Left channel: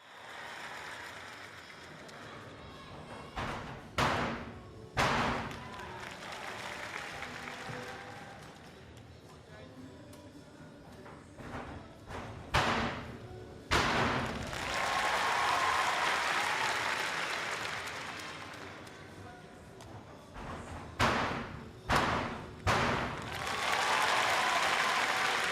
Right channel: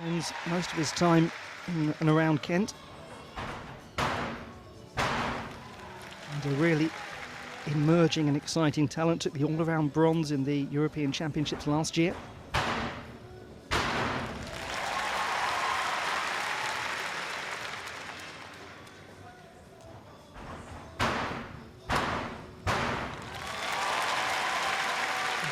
Spends most of his time in and around Kent. And a really emerging and exciting talent. Took the all-around bronze in the European Championships last year.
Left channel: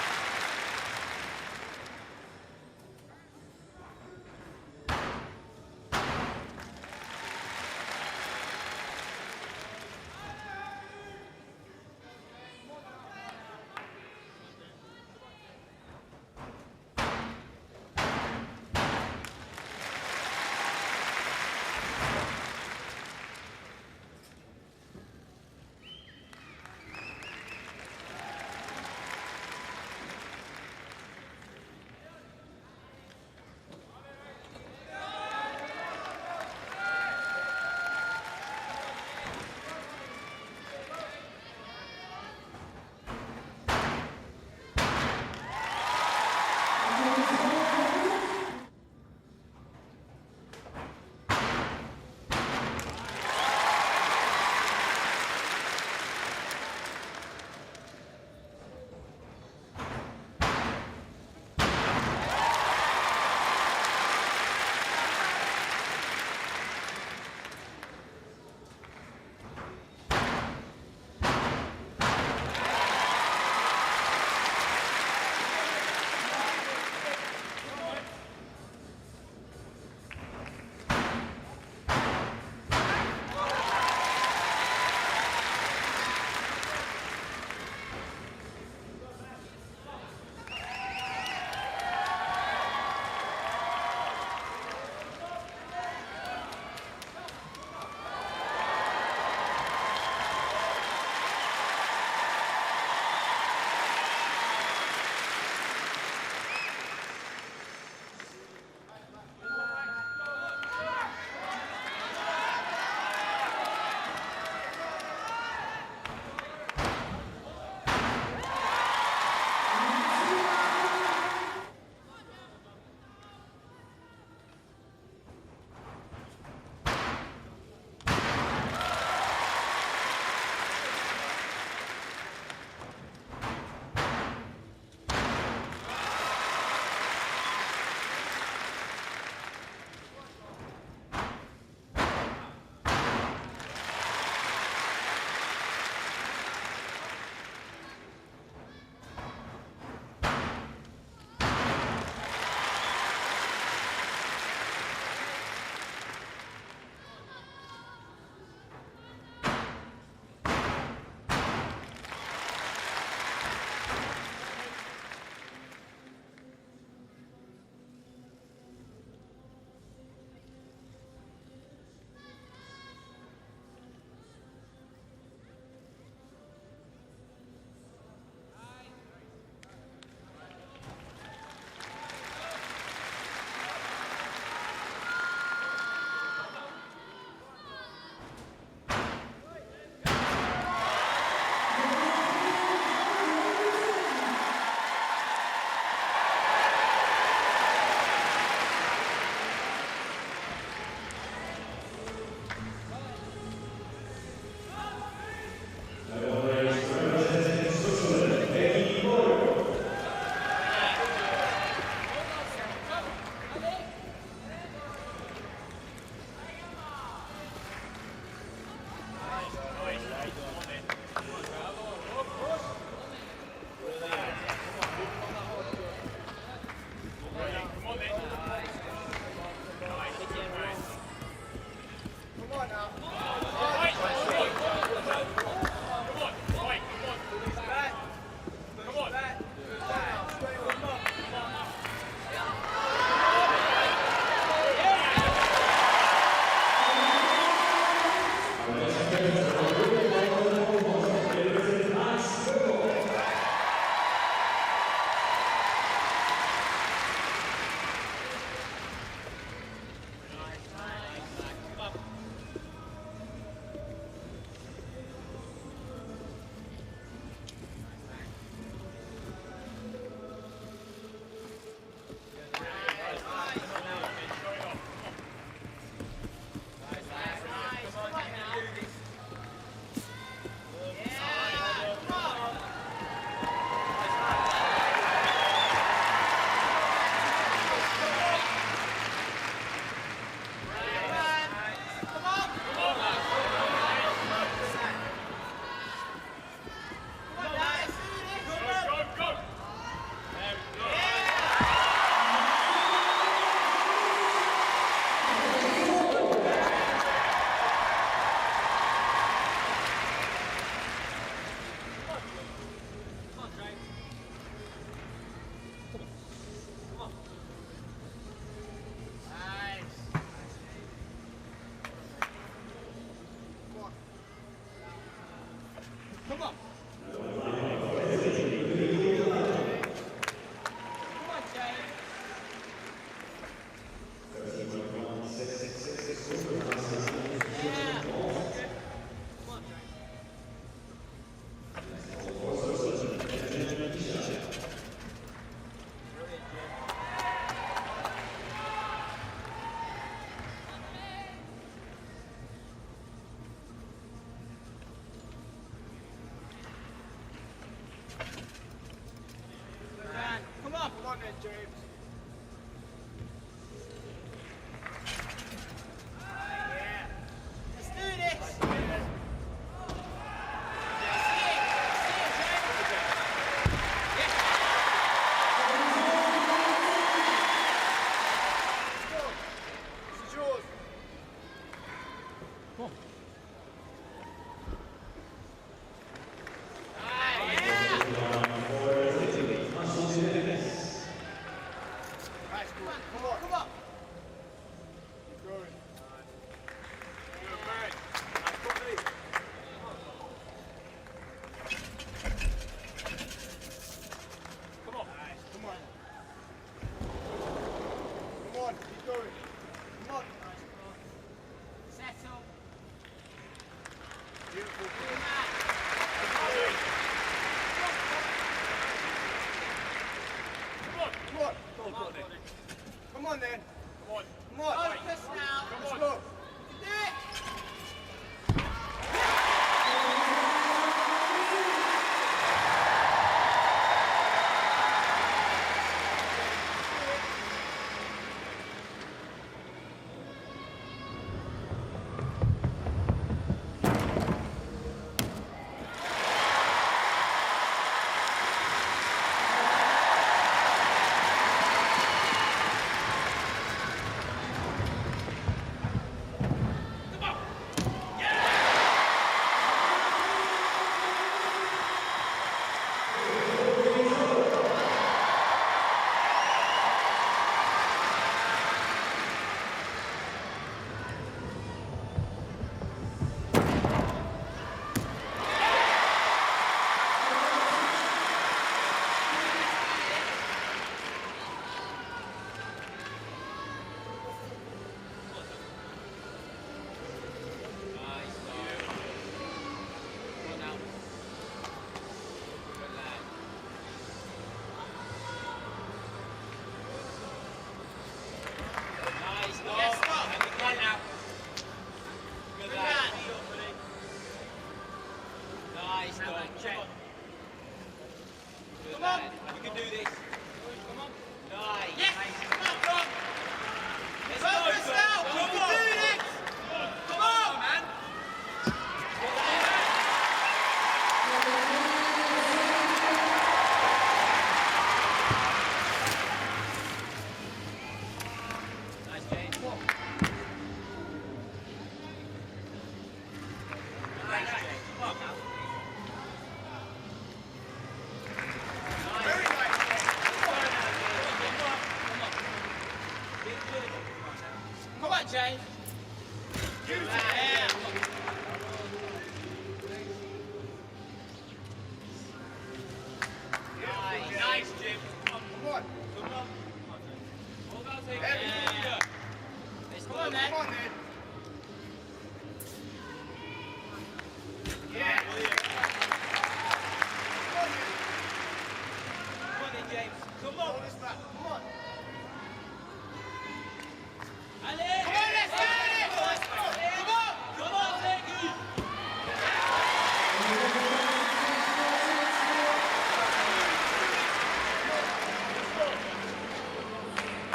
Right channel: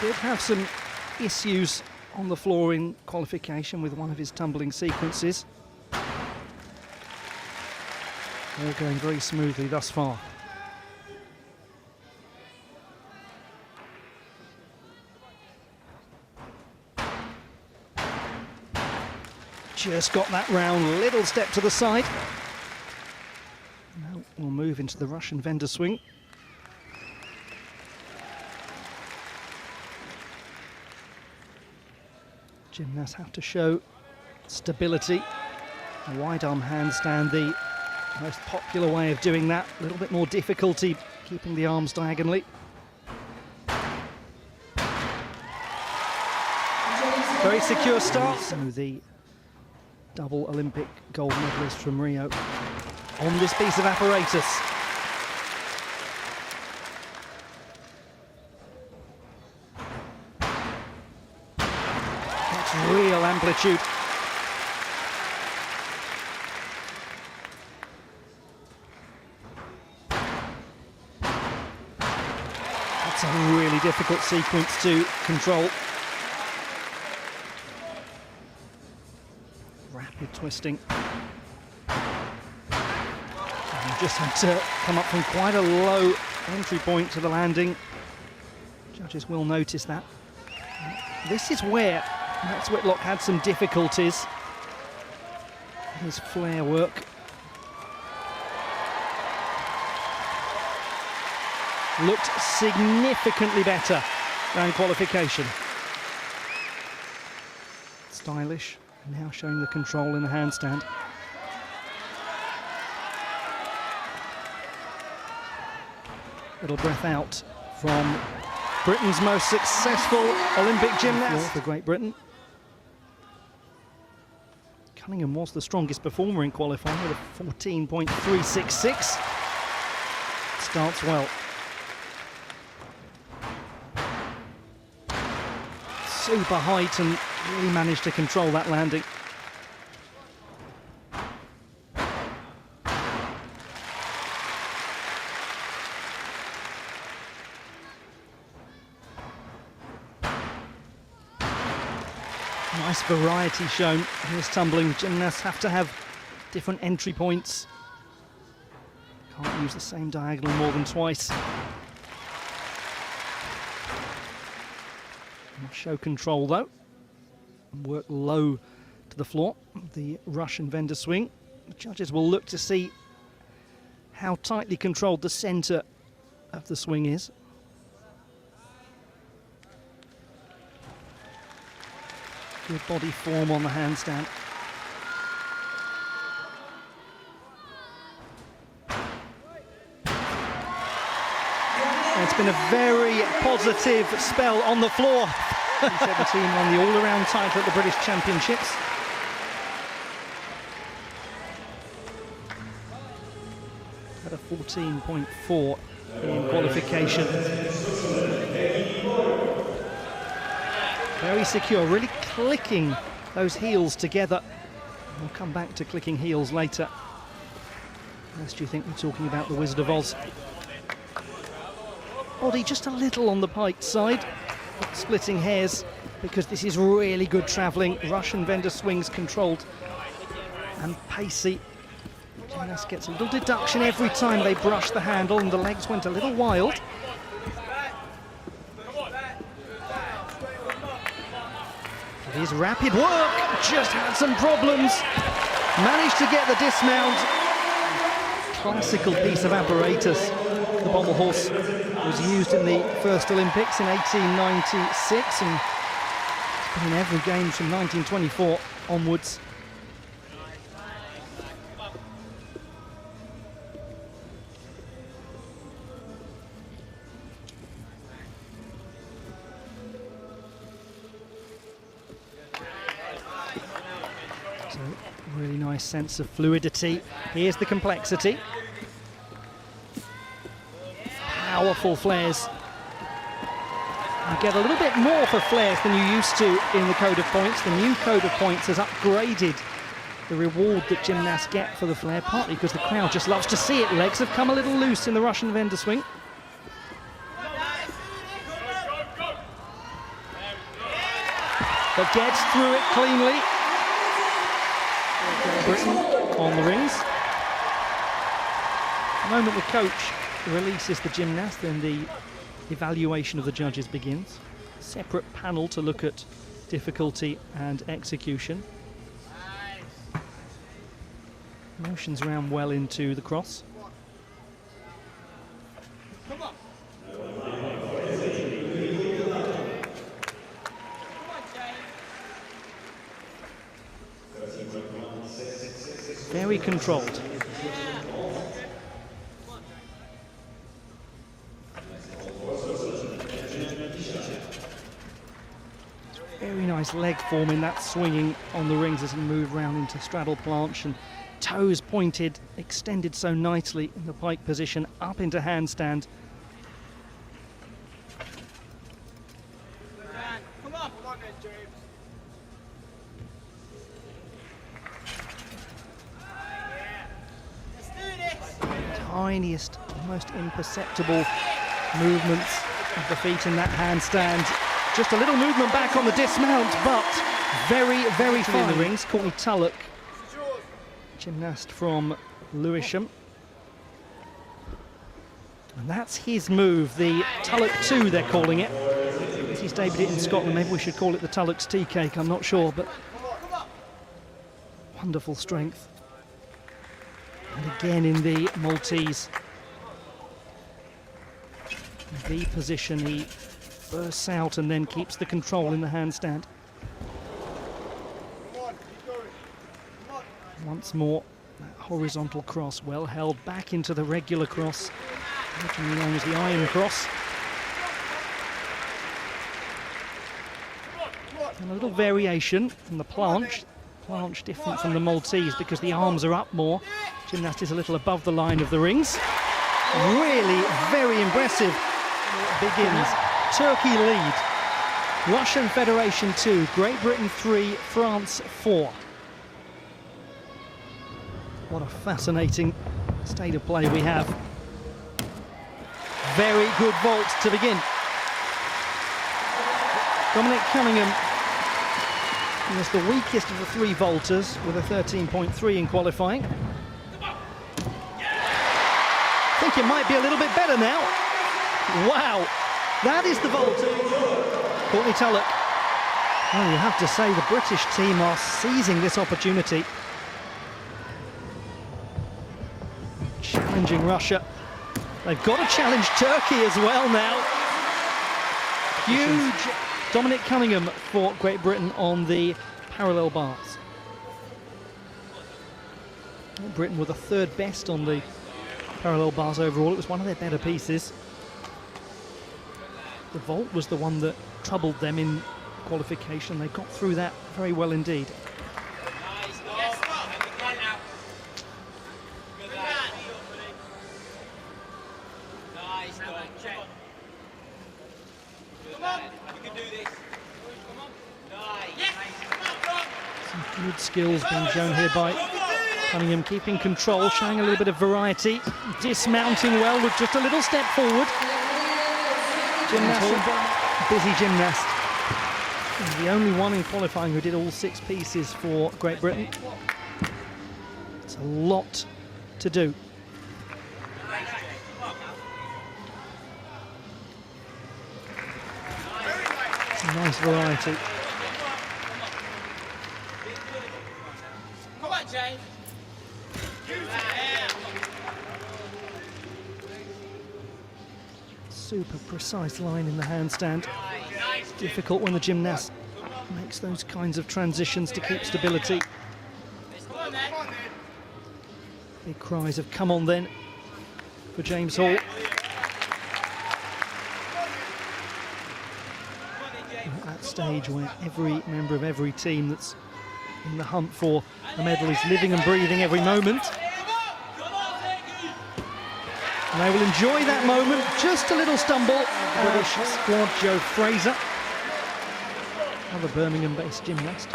He did have some issues on the floor in qualification with one of his tumbling sequences. All going very smoothly thus far. Just got that round, little step to the side. Now we'll move into the Russian vendor swing. Gymnasts have to show stability. A wide arm handstand, the most popular way of doing that. A little bit more difficulty keeping the arms diagonally. Very secure start. So the double Olympic gold medalist from Rio on this piece of apparatus. Real amplitude. It's a really difficult sequence to control. Rapid twisting. And just had to come up from quite a low entry point to the landing. Judges will notice that. This is where Max Whitlock had some difficulties. His flare work. Looked significantly better than qualification. Stylish, now showing the control in the handstand. Little breath out from Britain's most successful Olympic gymnast for Great Britain. Cunningham was the strongest performer in qualifying with a 14.366. Starts well. Super height and really managed to control that landing. Nice variety shown in this tumbling. Gymnasts have to have different entry points. Can't use the same diagonal more than twice. Show control though. And work low to the floor. The Russian vendor swing. The judges will look to see how tightly controlled the centre of the swing is. Good body form on the handstand. It's been a very positive spell on the floor. 17 on the all-around title at the British Championships. At a 14.4 in qualification. Very secure, really clicking those heels together. We'll come back to clicking heels later. Unless you think we're talking about the Wizard of Oz. Body just a little on the piked side. Splitting hairs because this is really good travelling. Russian vendor swings controlled and pacey. Gymnast gets a little deduction every time they brush the handle and the legs went a little wild. His rapid work just had some problems. Managed to get the dismount. Classical piece of apparatus. The Pommel horse was used in the first Olympics in 1896 and in every game from 1924 onwards. nice sense of fluidity. Here's the complexity. Powerful flares. You get a little bit more for flares than you used to in the code of points. The new code of points has upgraded the reward that gymnasts get for the flare, partly because the crowd just loves to see it. Legs have come a little loose in the Russian vendor swing. But gets through it cleanly. Britain on the rings. The moment the coach releases the gymnast, then the evaluation of the judges begins. Separate panel to look at difficulty and execution. Motions around well into the cross. Come on. Very controlled. Very nice leg form in that swinging on the rings as he moved round into straddle planche, and toes pointed, extended so nicely in the pike position, up into handstand. Come on then, James. Tiniest, most imperceptible movements of the feet in that handstand. Just a little movement back on the dismount, but very, very fine. In the rings, Courtney Tulloch, gymnast from Lewisham. And that's his move, the Tulloch 2, they're calling it. He's debuted it in Scotland, maybe we should call it the Tulloch's tea cake, I'm not sure, but wonderful strength. And again in the Maltese V position, he bursts out and then keeps the control in the handstand. Once more, that horizontal cross, well held back into the regular cross, originally known as the iron cross. And a little variation from the planche. Planche different from the Maltese because the arms are up more. Gymnast is a little above the line of the rings. Really very impressive. Begins. Turkey lead. Russian Federation 2, Great Britain 3, France 4. What a fascinating state of play we have. Very good vault to begin. Dominick Cunningham is the weakest of the three vaulters with a 13.3 in qualifying. I think it might be a little bit better now. Wow, that is the vault. Courtney Tulloch. Well, you have to say the British team are seizing this opportunity. Challenging Russia. They've got to challenge Turkey as well now. Huge Dominick Cunningham for Great Britain on the parallel bars. Great Britain were the third best on the parallel bars overall. It was one of their better pieces. The vault was the one that troubled them in qualification. They got through that very well indeed. Some good skills being shown here by Cunningham, keeping control, showing a little bit of variety, dismounting well with just a little step forward. Busy gymnast. He's the only one in qualifying who did all 6 pieces for Great Britain. It's a lot to do. Nice variety. Come on, James. Super precise line in the handstand. It's difficult when the gymnast makes those kinds of transitions to keep stability. Big cries of "come on then" for James Hall. At that stage where every member of every team that's in the hunt for a medal is living and breathing every moment. And they will enjoy that moment. Just a little stumble. British squad Joe Fraser, another Birmingham-based gymnast.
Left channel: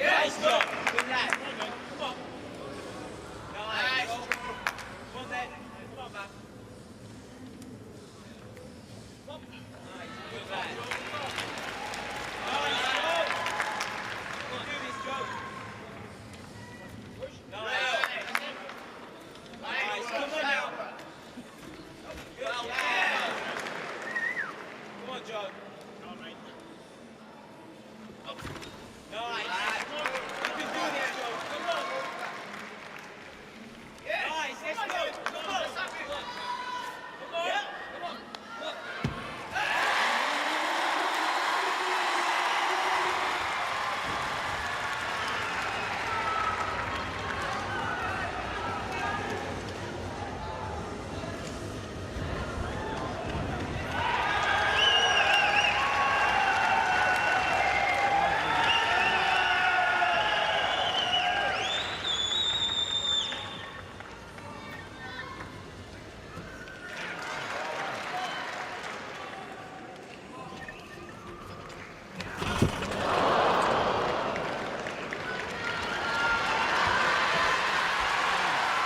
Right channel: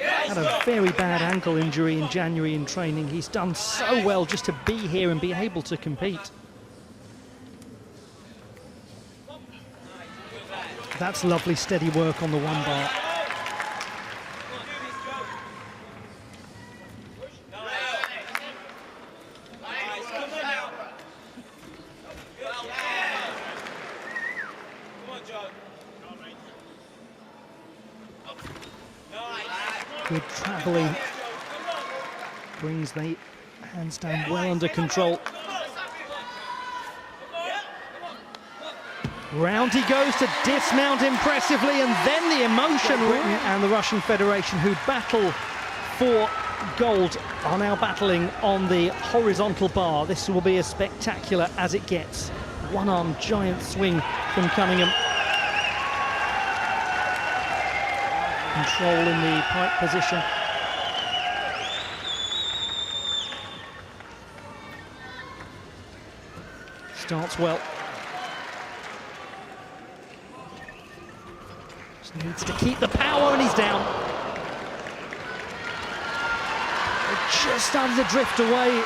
Had a very bad ankle injury in January in training. He's done so well just to be here and be able to compete. That's lovely steady work on the one bar. Good travelling brings the handstand well under control. Round he goes to dismount impressively, and then the emotion. Britain and the Russian Federation, who battle for gold, are now battling on the horizontal bar. This will be as spectacular as it gets. One-arm giant swing from Cunningham. Control in the pike position. Starts well. Just needs to keep the power, and he's down. Just started to drift away.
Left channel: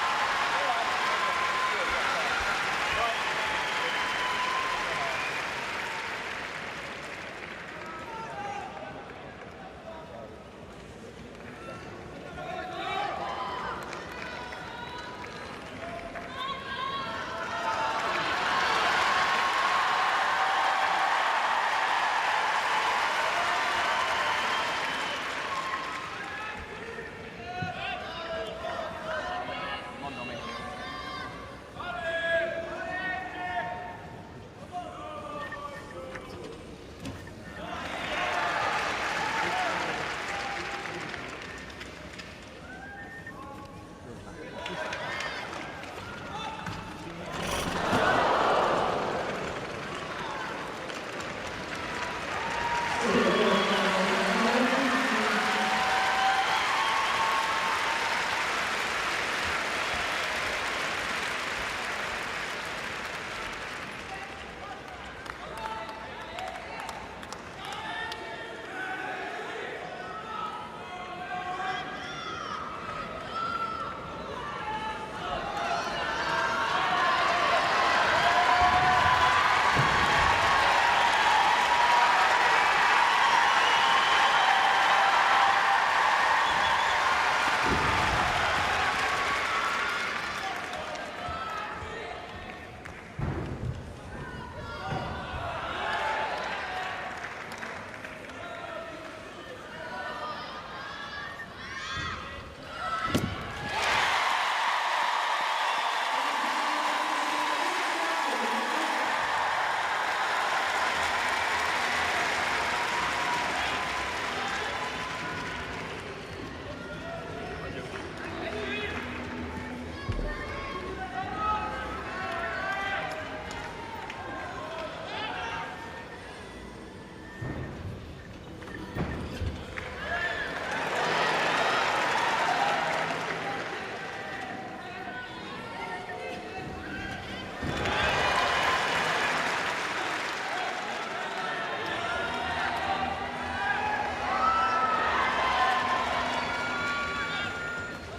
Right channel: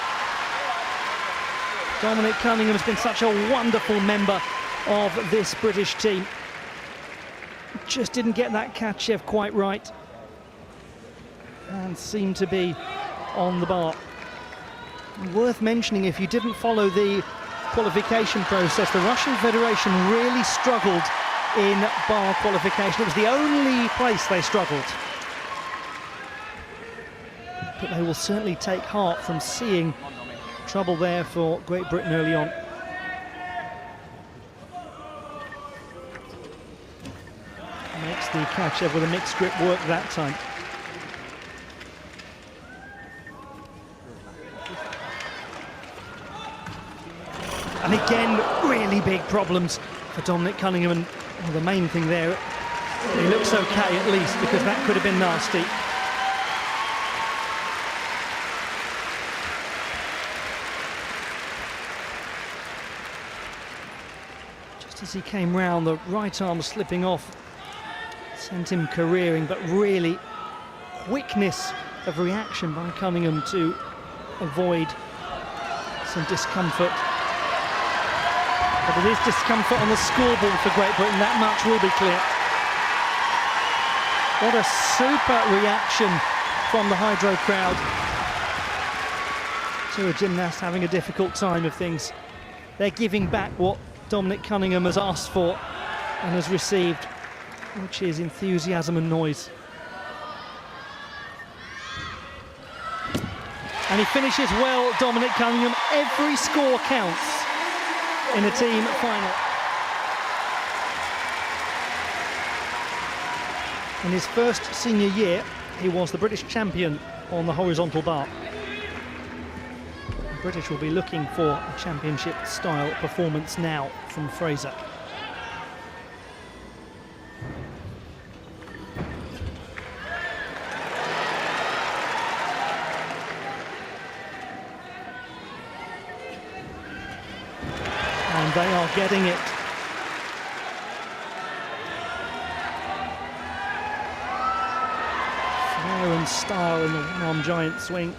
Dominick Cunningham has been such a wonderful member of this British team. Just didn't get that Katchev quite right and seemed to be on the bar. Worth mentioning, if you didn't follow the qualification process, the Russian Federation really struggled in bar qualification. It was the only place they struggled. But they will certainly take heart from seeing trouble there for Great Britain early on. The Katchev with a mixed grip worked that time. And again, really big problems for Dominick Cunningham, and the main thing there, he looks okay at least, because that could have been nasty. Just as he came round, the right arm slipping off sent him careering, but really quickness of reaction by Cunningham to avoid some discomfort. But it is discomfort on the scoreboard for Great Britain, that much will be clear. What a super reaction from the Hydro crowd to a gymnast having a difficult time of things. They're giving back what Dominick Cunningham has asked for and has received, which is enthusiasm and noise. And he finishes well, Dominick Cunningham. Every score counts in a team final. In his first senior year, he was the British champion on the horizontal bar. The British will be looking for a championship-style performance now from Fraser. They are getting it. Flair and style in the one giant swing.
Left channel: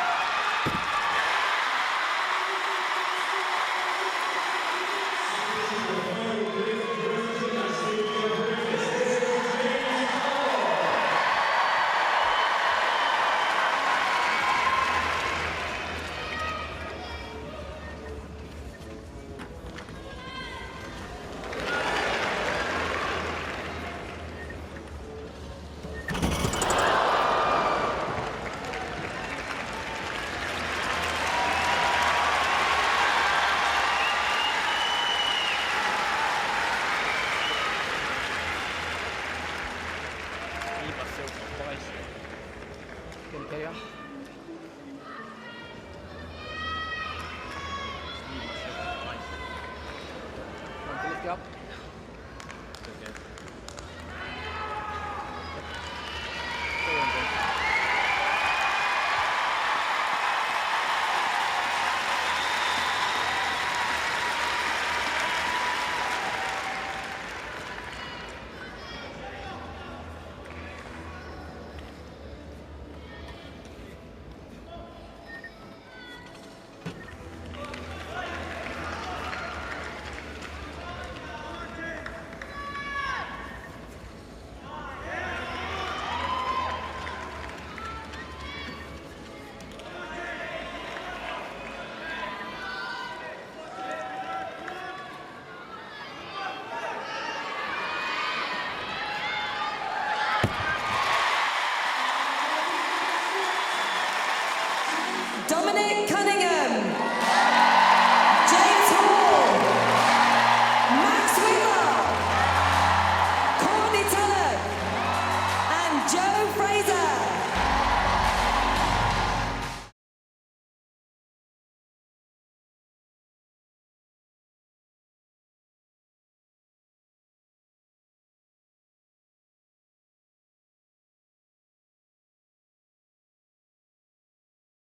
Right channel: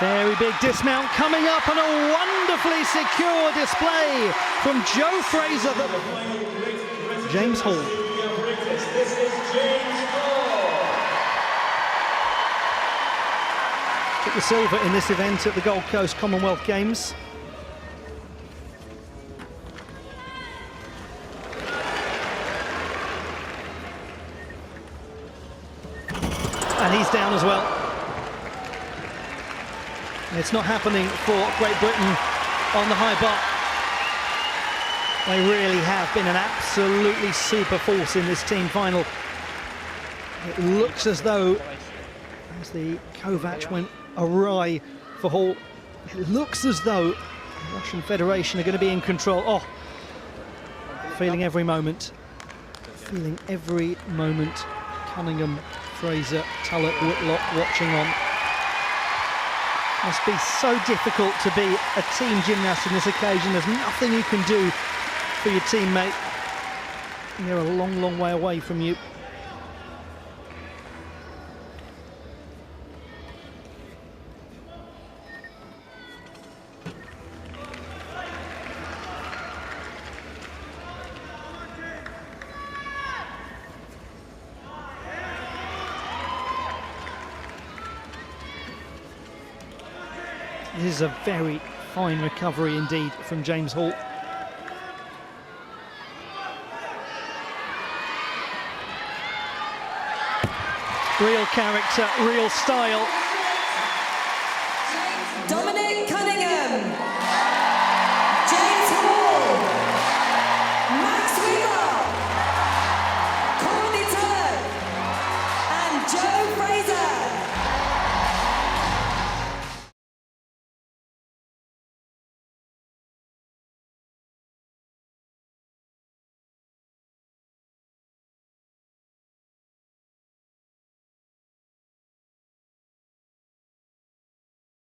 Very big dismount coming up, and a wonderfully secure display from Joe Fraser. James Hall. Took the silver in this event at the Gold Coast Commonwealth Games. And he's down as well. It's not happening for Great Britain on the high bar. They really have been an absolutely super force in this team final. It looks as though, as the Kovac went awry for Hall, it looks as though the Russian Federation are going to be in control. Oh, feeling every moment. Feeling every moment. Cunningham, Fraser, Tulloch, Whitlock watching on. Must be so difficult to be a team gymnast on this occasion. There's nothing you can do for your teammate. They're a long, long way away from you. This is a very fine recovery indeed from James Hall. Real character, real style.